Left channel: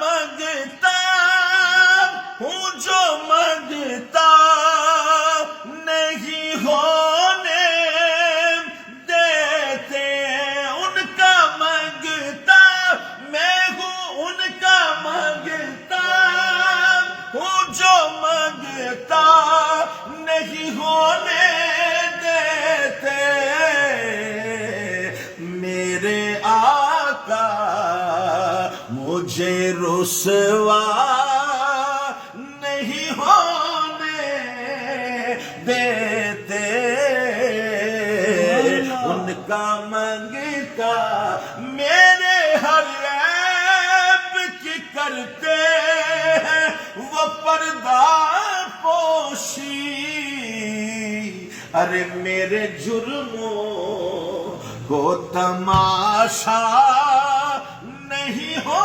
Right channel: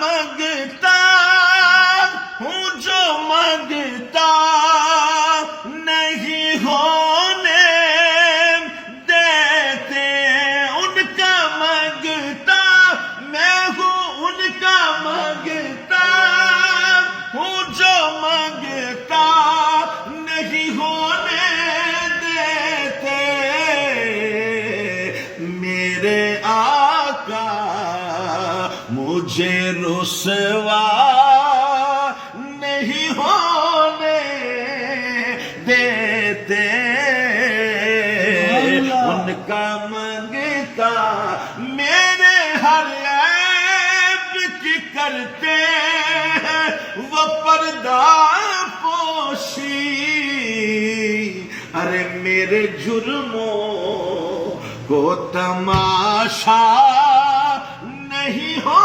मांगता हूँ जो मांगता नहीं होने देते, उनका मांगता मैं हूँ, उनका मांगता हूँ जो मांगता नहीं होने देते। मेरे आका मुझे रुसवा नहीं होने देते, उनका मांगता मेरे हर ऐब की करते हैं वो पर्दा पोशी। अरे मेरे जुर्मों को तमाशा नहीं हो